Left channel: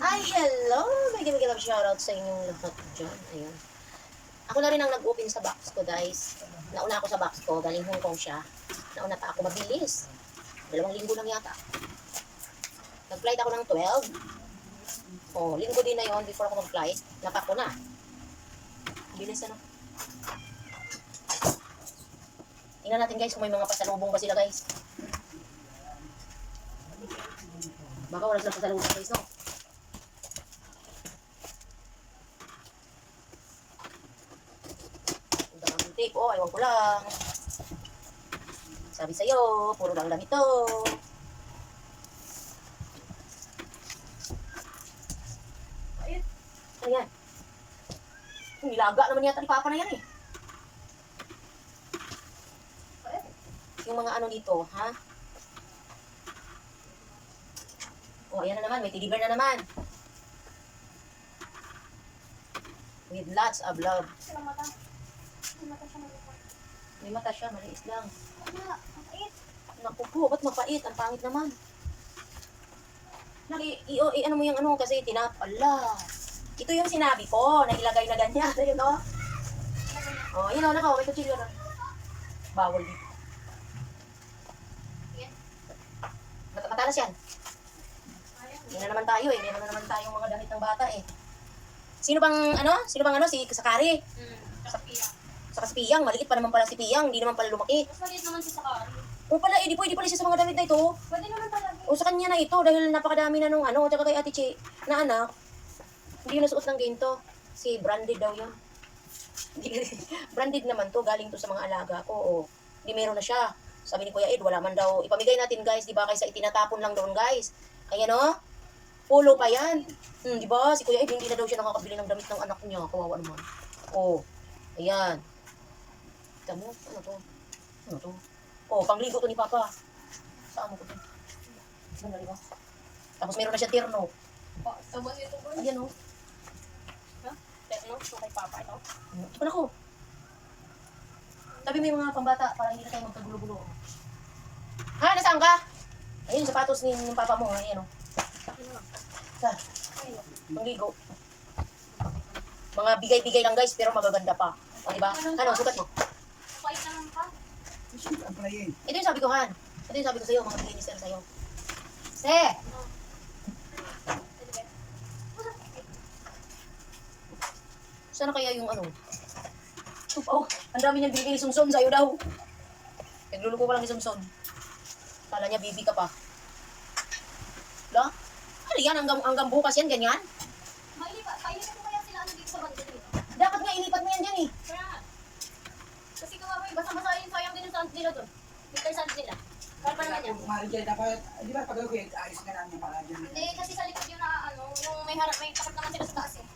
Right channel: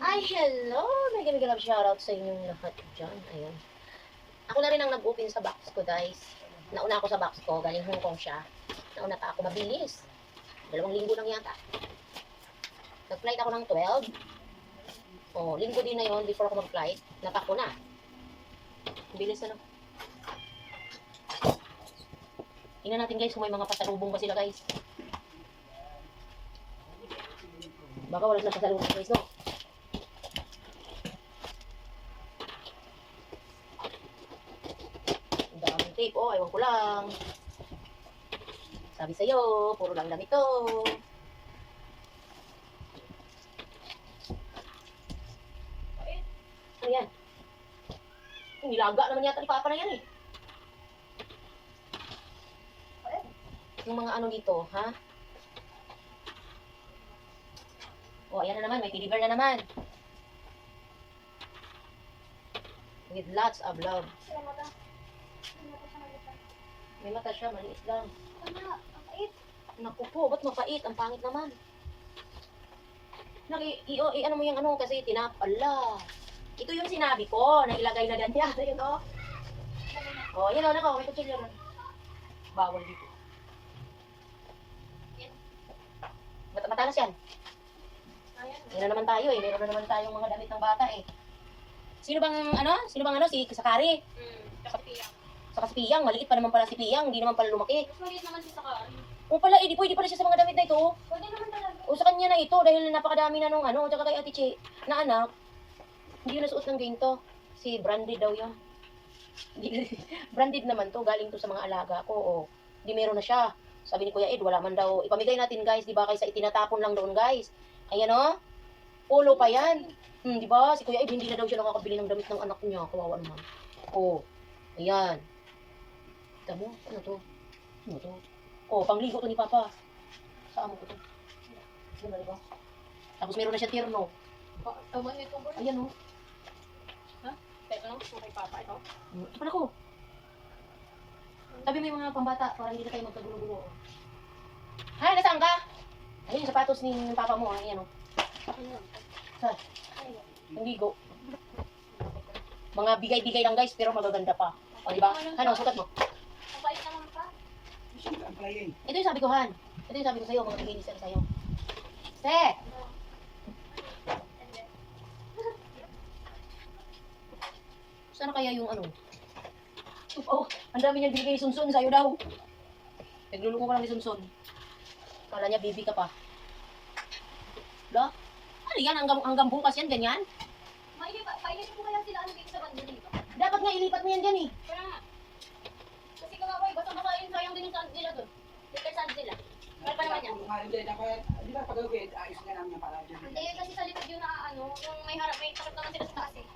Ay, hello! May love shoutout sa inyong lahat dyan. Ayan. Ako na rin ang nag-open sa box ko, guys. Nauna ako sa box ko. Galing Hong Kong siya. Nauna pa ako mabilis. 2 linggo lang yata. Nag-flight ako ng 12. Oh, linggo din na yon before ako mag-flight. Napak ko na. Bilis ano. Tingnan natin guys kung may mga pasalubong ba sila guys. Baka wala silang pasalubong guys, no? Ang daming tape. Oh, ewan ko lang. Sabi sa'yo, puro lang damit to. Ano yan? Nilaga naman yata ni Papa na yan eh. Yung mga ano dito, ha? Oh, ayan na naman. May teddy bear na naman. With lots of love. Sila mata. May mata siya maliit. May mata siya, maliit lang. Wala, ang pait. Naku po, ba't mapait? Ang pangit naman. Ano mo yung ano, kasi tinapala. Ito yung sinabi ko, na ilagay na ganyan. Ayun o. Oh, yun o, nako, may kutsilyo na. Bawal dito. Yan. Matalas yan. Ayan. Hindi na naman tayo eh. Meron na naman tayong mga damit ng bata eh. Sino bang ano? Si Sakari. Sa piya. Saka si Piyang. Maliit pa naman pala si Piyang. Hindi naman pala lumaki. Mas maliit naman si Sakari. O pala, di pwede pala siya sa mga damit na ito. Pwede naman talaga. O sa kanya na ito dahil napakadami na nung ano. Tsaka kay Ate Che na anak. Hindi na suot ng ganito. Si branded daw yan. Branded naman to. Galing to sa mga alaga ko. O, di meron na siya. Sabi ni Kuya Ed, wala man daw. Ipamigay natin guys. Di ba kaysa itinatapon lang doon guys. Ayan o. Polo pa yan. Di ba? Si Kuya Ed, hindi na daw siya nakakabili ng damit ng anak niya. Kawawa naman. O, ayan. Kita mo? Ano to? Ano to? O, pangligo to ni Papa. Saan mo ko to? Ganda, di ba? Tapos meron na siya tirno. Tawag nito ba? Ayan o. Tekno, yung kay Papa ito. Ito pa na ko. Tabi mo yung mga pambata para hindi na tayo magkagulo-gulo. Ha? Nasaan ka? Ayun yung sapatos ni Papa mo. Ayan o. Ano? Saan? Ayun. Pangligo. Mga bigay-bigay lang guys, pero magaganda pa. O, diba? Ano, sukat mo? Ang pait naman pa. Ito yung sabi ko, Han. Ito yung sabi ko sa'yo, mga bigay ni Sir sa'yo. Se! Sana kaya yung ano? Oh, ang dami niyang binigay ni Sunson sa'yo daw. Nagluluko pa lang ni Sunson. Kala niya baby ka pa. Da? Ano yan? Hanggang bukas yan, ganyan? Painitin ko kaya sila ano dito sa banda dito. Dapat nga ilipat mo yan dyan eh. Kaya nga. Kasi kawawa eh, basta-basa yun, sayang din yung sand nila doon. Winter sand nila. Kaya pa naman yan. Kumarin dyan, dapat, di ba pag ayos na namin para dyan. Hindi, kasi sa likod yun na ano, yung may harap, may takip naman sila sa taas eh.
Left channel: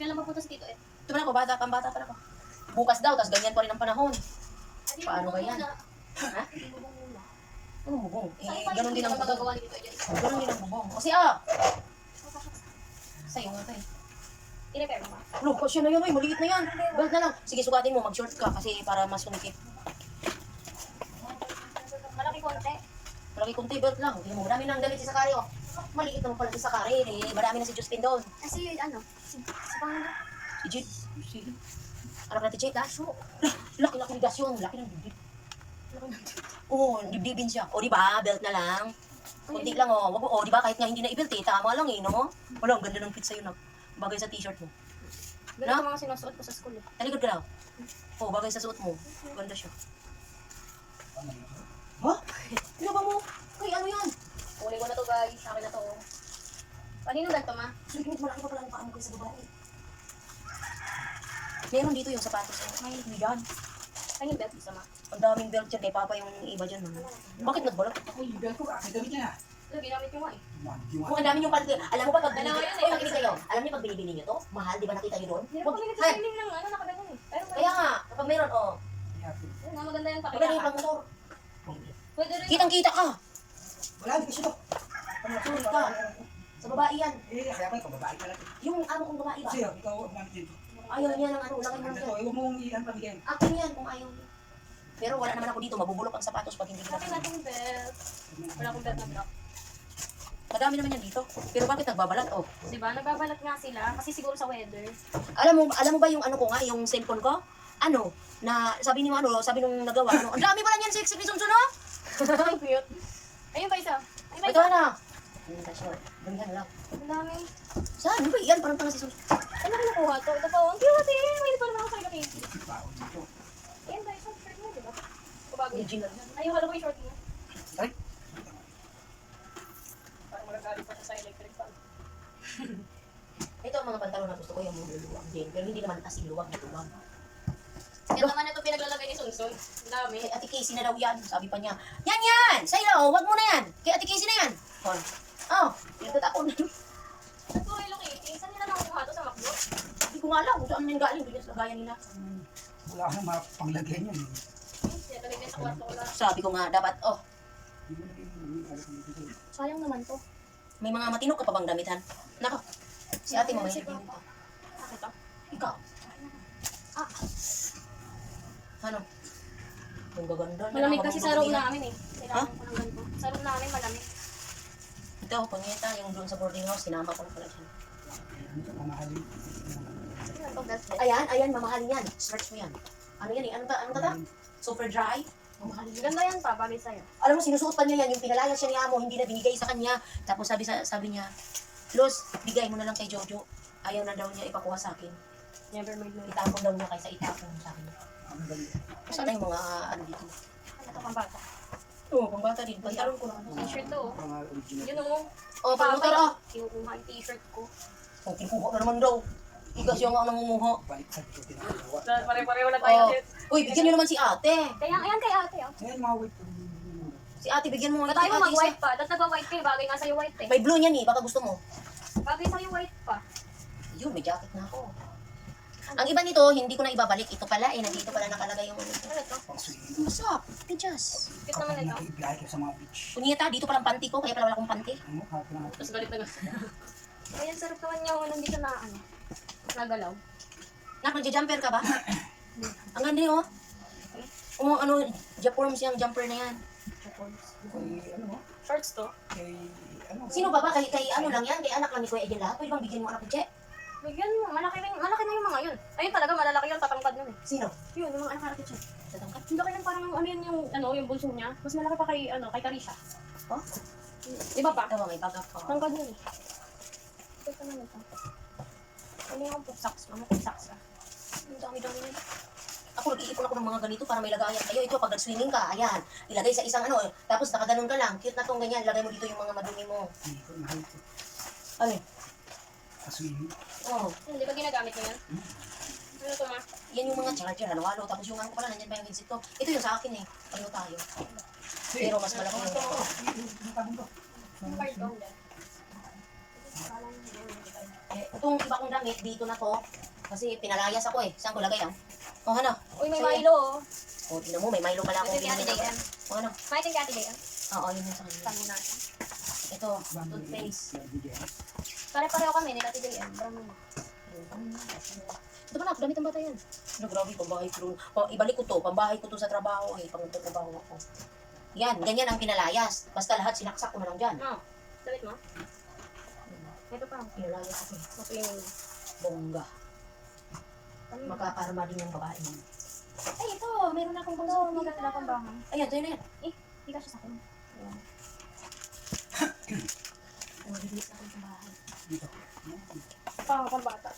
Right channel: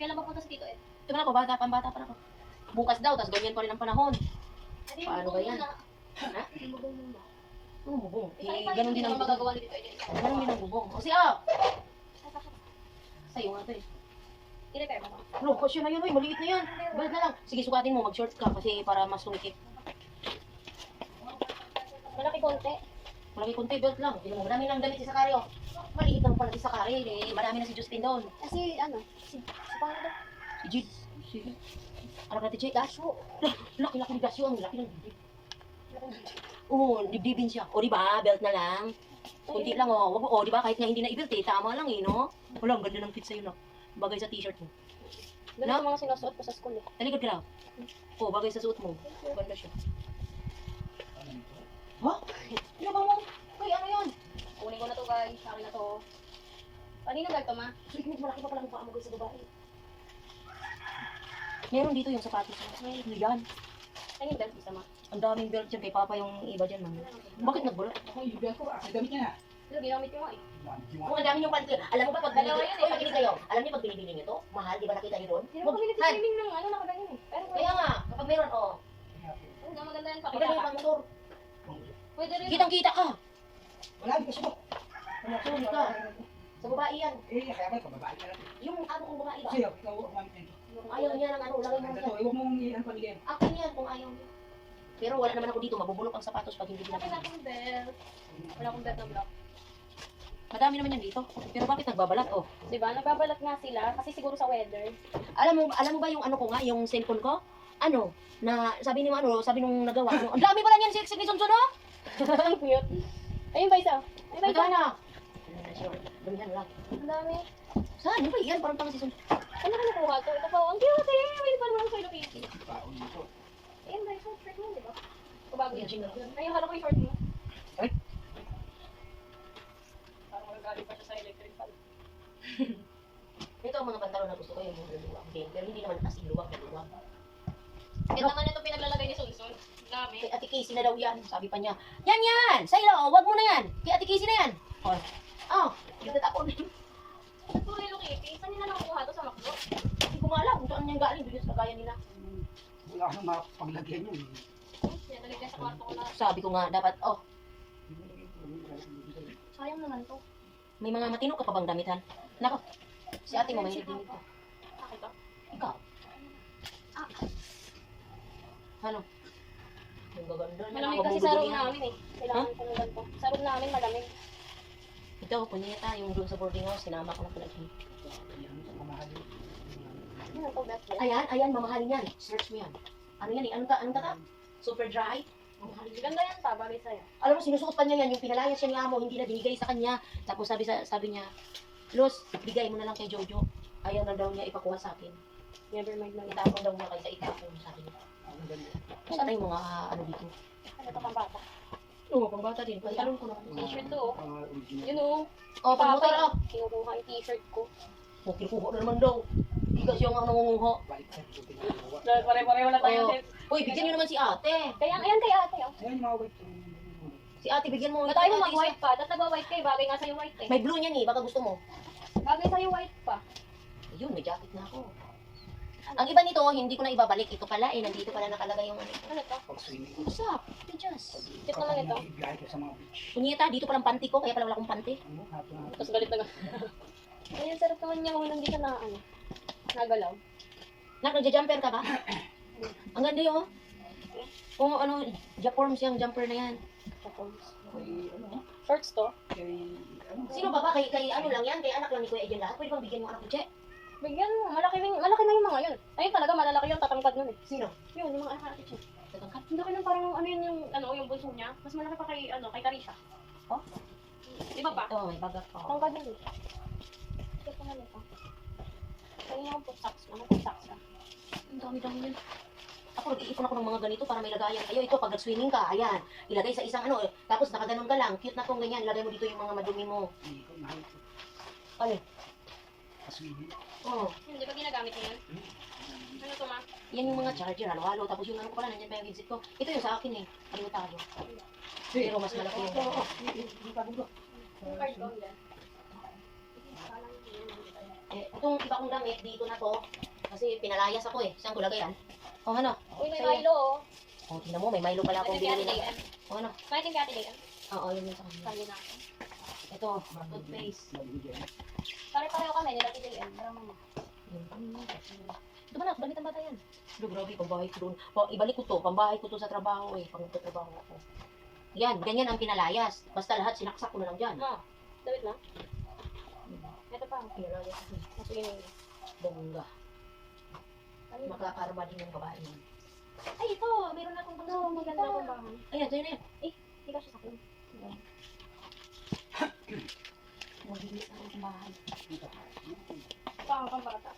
Kailan ba punta si Tito Ed? Ito man ako, pambata pa ako. Bukas daw, tas ganyan pa rin ang panahon. Adi, Paano bubong ba yan? muna. Ha? Hindi bubong muna. Ano bubong? Isa-isa Ganon din ang yung bubong. magagawa ni Tito Ed. Ganon din ang bubong. O siya! Sa'yo nga ito eh. I-repair mo ma. Ano, kasya na yun, oy, maliit na yan. Belt na lang. Sige, sukatin mo, mag-short ka kasi para mas sumikip. Malaki konti. Malaki konti, belt lang. Hindi mo, marami lang damit si Sakari, oh. Maliit naman pala si Sakari, eh. Marami na si Josephine doon. Kasi ano, si Panda. Si Jid. Sige. Anak natin, Jid, Dasyo. Laki-laki ni Dasyo, ang laki ng dibdib. Oo, dibdibin siya. O, diba, belt na lang. Kunti lang, oh. Wag mo, oh, diba, kahit nga hindi na i-belt, eh. Tama lang, eh, no? Wala, ang ganda ng fit sa'yo, no? Bagay sa t-shirt mo. Ganito mga sinusuot ko sa school eh. Talikod ka daw. Oh, bagay sa suot mo. Ganda siya. Ha? Pinaba mo? Uy, ano yan? Kunin ko na to guys, sa akin na to. Kanino bag to ma? Sige, malaki pa pala ang paa mo guys sa babae. Meron dito yung sapatos. May yan. Kanino bag isa ma? Ang daming belt dyan kay Papa yung iba dyan. Man. Bakit nagbalot? Ako, ibig ko, ang damit niya na. Ito, ginamit ko nga eh. Mukhang dami yung panty. Alam mo ba pag Dalawa binibili? yun eh. Oy, makinig kayo. Alam niyo pag binibili niyo to? Mahal, di ba nakita niyo doon? Hindi naman kami Han, nag-swimming ng ano, nakaganyan eh. Pero kaya nga, kapag meron, oh. Ayun nga, maganda yan Maganda yung pakita. pang motor. Pwede rin. Kitang-kita ka. Wala, hindi kasi to. Sorry ka. Sa babae yan. Eh, kaya pala, pababae pala. Yung amo kong babae ba? Kasi, ikaw, umamit yan to. Ayaw niya ng ano, ulangin mo Ganda yan. to, huwag mong iyan pamigyan. Akin yan kung ayaw niya. Pero wala naman ako dito, mabubulok ang sapatos pag hindi Akin pinapin. natin yung belt. Wala akong belt na block. Madami naman yan dito. Pero bakit nagbabalat? Oh. Diba? Nagbabalat nga sila kasi siguro sa weather. Alam mo ba yung ano ko nga, yung cellphone ko? Ano? Na sabi ni sabi nung nagawa, ano? Ang dami pala niyan, sexy ni Sunsun, oh! Ang cute. Ayun ba isa? Ayun ba Ito isa? na. Damihan lang. Ang dami. Saan? Ano ba yan? Parang tanga si Sunsun. Ano ko nakuha to? Ito po. Ang cute eh. May pa naman ako kay Kitty. Baon dito. Ayun ba isa? Shirt mo, diba? O bago yun? Original yun. Ayun, kala ko yung short mo. Ay. Parang magagaling pa siya sa electric fan. Ito ang mga pantalon na gusto ko, yung luwag din. Pero hindi naman as in luwag na luwag. Ito naman ito pinaglalagay ni Sunsun. Ang dami. Kay Ate Casey na daw yan. Sabi pa niya, yan! Sa'yo, wag mo na yan. Kay Ate Casey na yan. Oh, nagtatapon. At puro Hello Kitty. Saan nila nakukuha to sa McDo? Hindi ko nga alam kung saan yan galing. Doon sa lagayan nila. Wala ka nang mapanglagyan yan. Pinatuloy niya sa kwarto ko lahat. Sabi ko nga, dapat, Hindi mo lagyan yung dito. Sayang naman to. may mga matino ka pa bang damitan? Nako, si ate mo may din ito. Bakit to? Ikaw. Ano? Ang gaganda. Malamig kasi sa room na. namin eh. Kailangan ko ng ganito. Sa room namin malamig. Ito, punyeta, yung doon sa boarding house, sinama ko na pala dyan. Ano ito, mamahalin. Ano to, bracelet? Ayan, mamahalin yan. Search mo yan. Ano yan eh? Ano ta? Super dry? Mamahalin yan. Ganda yan pa, bagay sa'yo. Alam mo, sinusuot pa niya yan, yung pinalayas siya ni Amo, hindi na binigay sa kanya. Tapos sabi niya, Los, bigay mo na lang kay Jojo. Ayaw na daw niya ipakuha sa akin. Never mind na ito. Itapon daw niya kaysa itapon sa akin. Ang ganda. Sana yung mga ano dito. Ano to, pang bata? Oo, pang bata din. Pantalon ko na. T-shirt to oh. Pang original. Yun oh. Oh, pang motor oh. Kinukuha yung t-shirt ko. Oh, kinukuha na naman daw. Higa siya nga ang nangunguha. Balik sa dito pinagawa. Pare-pareho na tayo. Oh. Uy, bigyan niyo naman si ate. Kaya, ayan kay ate oh. Ayan, mga white. Si ate, bigyan mo. Ba't tayo Ate, mag-white pa? Dapat nag-white kayo, bagay nga sa'yo white eh. May blue niyan eh, baka gusto mo. Bagay sa'yo white pa. Yun, may jacket na ako. Ang iba nito, hindi ko na ibabalik. Ito pala eh, nandito pala nakalagay yung ano. Ano to? Pang swimming. What's up? Teachers. Cute naman ito. Naibiyahe ko sa mga beach. Kunyeta, dito palang panty ko, kaya pala wala akong panty. Ano, hapon na hapon. Tapos galit na galit. Ayan, sarap naman niya. Hindi siya na ano. Nagalaw. Nak, nagja-jumper ka ba? Ang ganda yun, oh. Oh, ano, Japorms yung jumper na yan. Tapos. Kay, ano, Shorts to. kay, ano. Sino ba ba? Kay ano lang yan? Kay anak lang ni Kuya Edel lahat? Pwede bang bigyan mo anak ni Che? Bigyan mo. Malaki na yung mga yun. Ayun talaga, malalaki yung tatangkad yun eh. Sino? Yun, yung mga anak ni Che. Tatangkat? Hindi ka parang ano yun yung bunso niya. Mas malaki pa kay Tarisha. Oh? Di ba pa? Ito, may bag ako. Tangkad yun eh. Ito naman ito. Ano yung po socks? Mga po socks ah. Ang dami-dami yan. Ako, nag-iipon ako ng mga ganito para may lagayan kayo. Ito, pag nag-swimming ka, ayan. Ilagay sa isang ano, tapos nakaganon ka lang. Cute na tong ganyan. Ilagay mo dito yung mga madumi mo. Hindi ko mahal ko. Ano? Sa swimming. Oh, Hindi ba ginagamit mo yan? Ano ito ma? yan yung mga charger, halo-halo. Tapos yung ano ko pala, nandiyan pa yung headset ko. Ito yung sa akin eh. Pareho tayo. Pero mas malaki yung Yung tabong ko. Yung card doon dyan. itong iba kong damit, dito na to. Kasi pinalayas ako eh. Saan ko lagay yan? Oh, ano? Uy, may Sa'yo. Milo oh. Oh, tingnan mo, may Milo pala akong Ito kay binili Ate na. Dayan. Oh, ano? May itin kay Ate Dayan. Oo, yun yung sa kanya. Sabi natin. Ito, toothpaste. Pare-pareho kami nila Ate Dayan. Brown naman. Ito ba na, damit ang bata yan. Pero grabe, pambahay ko doon. Ibalik ko to, pambahay ko to sa trabaho eh. Pang trabaho ako. Yan, ganyan ang pinalayas. Basta lahat sinaksak ko na lang dyan. Ma, damit mo? Ito pa. Pinalayas ako eh. Masulimin mo. Bongga. Ano yun? Makakarma din yung babae mo. Ay, ito, meron na akong Ano, bunso. maganda na akong bangon. Ayan, sa'yo na yan. Hindi ka siya sa akin. Mahilit ako sa bahay. Pang bata.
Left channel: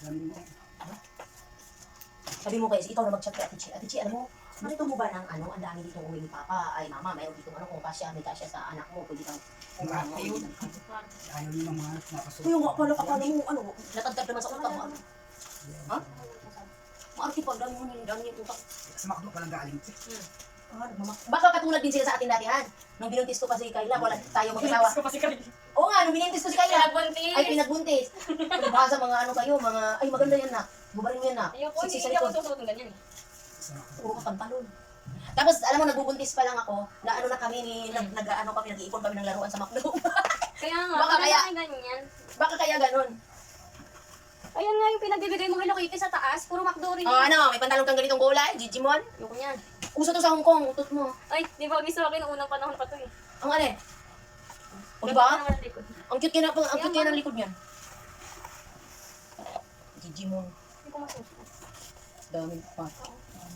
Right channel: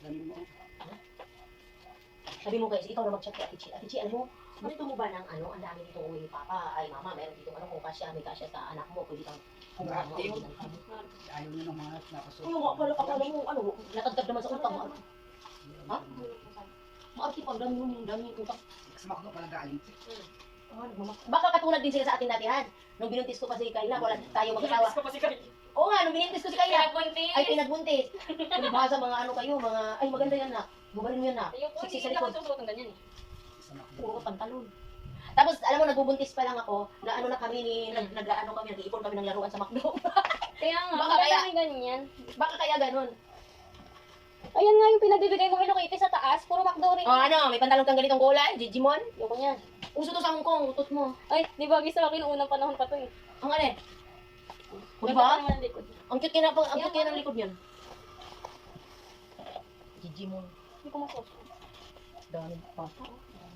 Sabi mo guys, ikaw na mag-chat kay Ate Chi. Ate Chi, alam mo, gusto mo ba ng ano, ang dami dito uwi ni Papa? Ay, Mama, meron dito ano, kung kasya, may kasya sa anak mo, pwede kang kumuha mo. Ayun. Ayun. Ayaw nyo ng mga napasok. Kuya, nga pala, akala mo, ano, natagdag naman sa utang mo. Ha? Maarte pa, dami mo yung dami yung utak. Sa makdo pa lang galing. Baka katulad din sila sa atin datihan. Nung binuntis ko pa si Kayla, wala tayo mag-asawa. ko pa si Kay. Oo nga, nung binuntis ko si Kayla, Pinagbuntis. ay pinagbuntis. Baka mga ano kayo, mga, ay maganda yan na. Bubalin mo yan na. Ayoko, Siksi sa hindi ako likod. susuot ng ganyan eh. Sa makdo. Puro ko pantalon. Tapos, alam mo, nagbubuntis pa lang ako, na ano na kami, nag-ano kami, nag-iipon kami ng laruan sa McDo. Kaya nga, Baka maganda kaya- yung ganyan. Baka kaya ganun. Ayan nga yung pinagbibigay mong Hello Kitty sa taas, puro McDo rin. O ano, may pantalon kang ganitong kulay, Digimon. Ayoko niyan. Uso to sa Hong Kong, utot mo. Ay, di ba gusto ko nung unang panahon pa to eh. Ang ano eh? O diba? Naman ang likod. Ang cute kaya ng likod niyan. Digimon. Hindi ko masuso. Dami pa.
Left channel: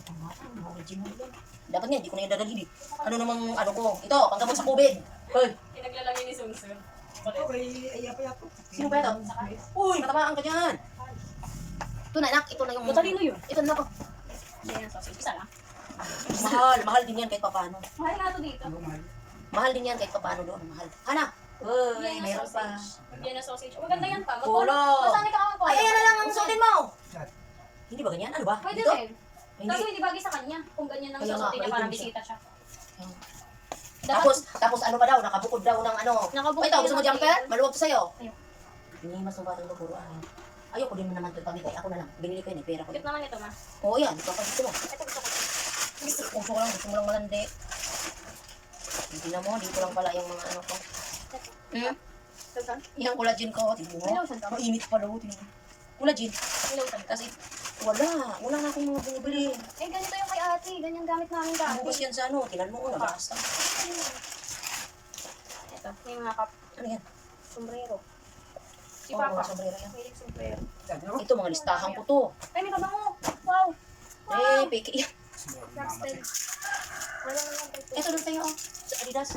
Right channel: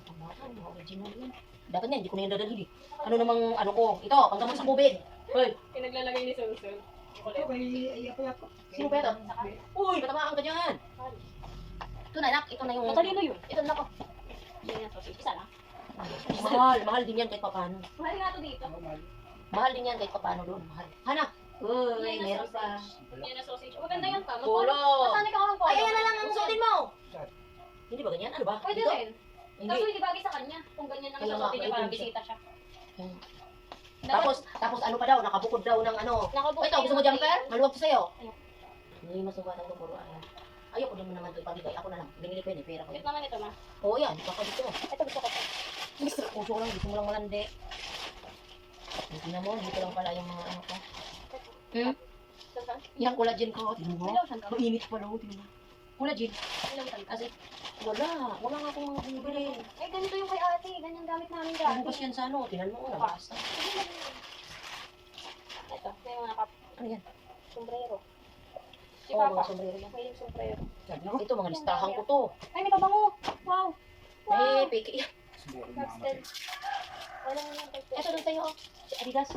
Ang bata, mga Digimon yan. Dapat nga, hindi ko na yan dadalhin eh. Ano namang ano ko? Ito, panggamot sa COVID. Hoy, Pinaglalagay ni Sunsun. Ako kay Aya pa yato. sino ba ito? Uy, matamaan ka dyan. Ito na, anak. Ito na yung... Matalino yun. Ito na ako. Yan ang sausage. Isa lang. Mahal din yan kahit papano. Mahal nga ito dito. Ako mahal. Mahal din yan kahit papano doon. Mahal. Hana. Uy, Yan ang meron pa. sausage. Yan ang sausage. Oh, maganda yan pa. Polo. Masani ka ang polo. Ay, ayan na lang ang suotin mo. Saan? Hindi ba ganyan? Ano ba? Pwede Dito? rin. Hindi. Kaso hindi bagay sa kanya. Kung ganyan ang Kaya nga, susutin niya para maitim siya. bisita siya. Tapos ano pa daw, nakabukod daw ng ano. Nakabukod Ito, gusto mo yung jumper? table. Maluwag to sa'yo. Ayaw. Hindi, mas mabatang ng puro ayaw. Ayoko din mo naman ito ipamigay. Ako na lang. Binili ko yun eh, pera ko. Cute naman ito, ma. Oo yan, ito ka gusto mo. Ito gusto ko. Gusto ko lang, gusto mo lang malandi. Hindi na mo, dito lang pala yung mga ano ko. Ito. Hmm? Lotion? Yung collagen ko, tingnan May mo. lotion ka ba? Mainit pala, tingnan mo. Collagen. May lotion ka. Kasi wala na akong mga binibili. Eh, ganito yung kay ate. Ganyan gamit namin dati. Nabukas yan sa ano, tinan mo, nabasta. Ito, may mga cup. Ano yan? Sombrero. Si Oo, Papa. mga sombrero yan. May yung sombrero. Saan na ako? Ito, mga listahan ko to. Ay, may kabango. Wow. Eh, peke yan. Blackstead. Wala naman tayo. Ito doon tayo, oh. Sa Adidas.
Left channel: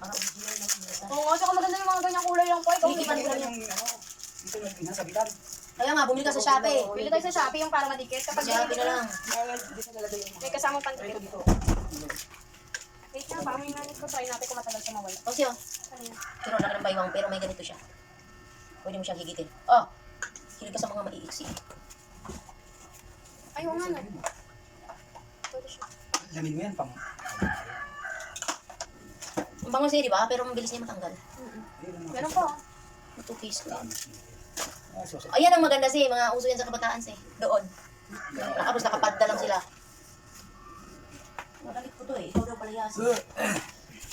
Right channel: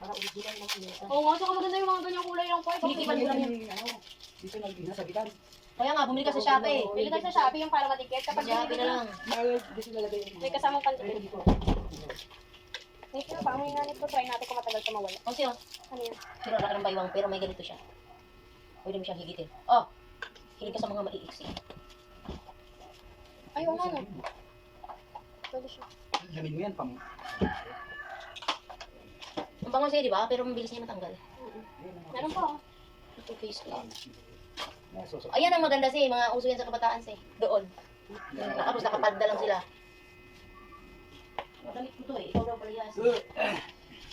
Mga original na pinita. Oo nga, saka maganda yung mga ganyang kulay lang po. Ikaw, Tinitikman ko lang yan. Dito nagpinasabitan. Kaya nga, bumili ka sa Shopee. Bili tayo sa Shopee yung parang matikit. Kapag Sa Shopee na lang. Dito nalagay yung may kasamang Ito pantikit. dito. Wait nga, parang may nanit ko. Try natin kung matagal siya mawala. O siya, Ano yun? pero laki ng baywang, pero may ganito siya. Pwede mo siyang higitin. Oh, hilig ka sa mga maiiksi. Ay, oo nga no. Pwede siya. Lamin mo yan pang. Ang bango siya, di ba? Pero mabilis niya matanggal. Meron po. Ito face ko. Susunod. Ayan ang maganda siya, mga uso yan sa kabataan siya. Doon. Tapos nakapadda lang sila. Magalit ko to eh, ikaw daw pala yasin.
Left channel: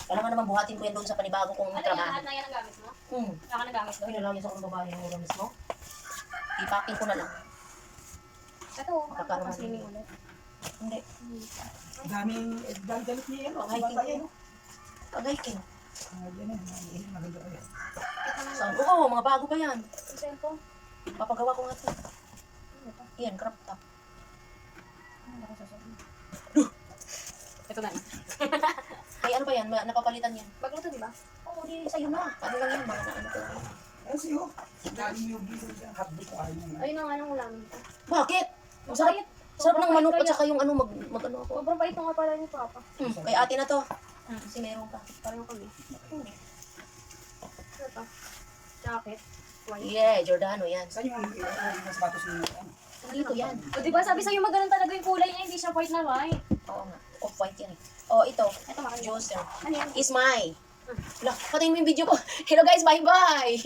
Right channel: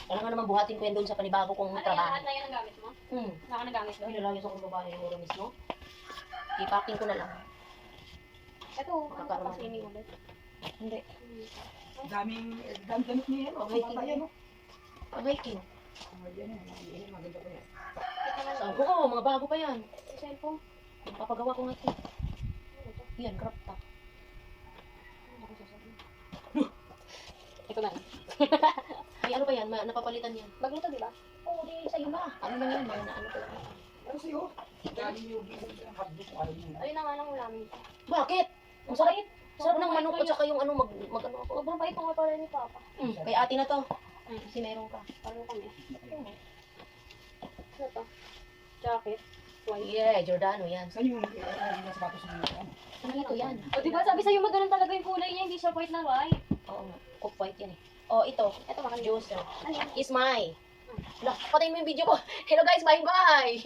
Alam nga naman buhatin ko yan doon sa panibago kong Ano yan? trabaho. Lahat na yan ang gamit mo? Hmm. Wala ka na gamit doon? Pinalawin sa kong babae ng uro mismo. Ipacking ko na lang. Ito, Magkakaroon mas swimming ulit. Hindi. Daming damit niya yan. Okay, Bata yan. oh. Pag hiking. Yan yan. Maganda pa yan. Ito naman. Saan? Oo, mga bago pa yan. Yung cellphone. Papagawa ko nga ito. Ano ito? Yan, crop top. Ano ako sasabihin? Ito na. Ay, ano pa yan? Napapalitan yan. Baglo to, di ba? Oo, di sa'yo na. Ano lang yan? Mga naano ko lang. Kasi oh. Dami yung hotdog ko ayaw niya. Ayun na nga nang ulamin ko. Bakit? Ang sarap. Sarap ng manok at saka yung ano, mag ano ako. Sobrang bait nga pala ni Papa. Kay ate na to. Kasi meron ka. Pareho kami. Ano to? Jacket. White. Yeah, Giordano yan. Saan yung sapatos ni ano? Dito yan. O di ba sabi sa'yo magano'n talaga yung kulay niya, hindi siya white na white. Oo nga. Off-white yan eh. Oh, ito. Ito makanya. Juicer. Ano yan? Is my. Lah, patayin mo yung video ko. Hello guys, bye-bye.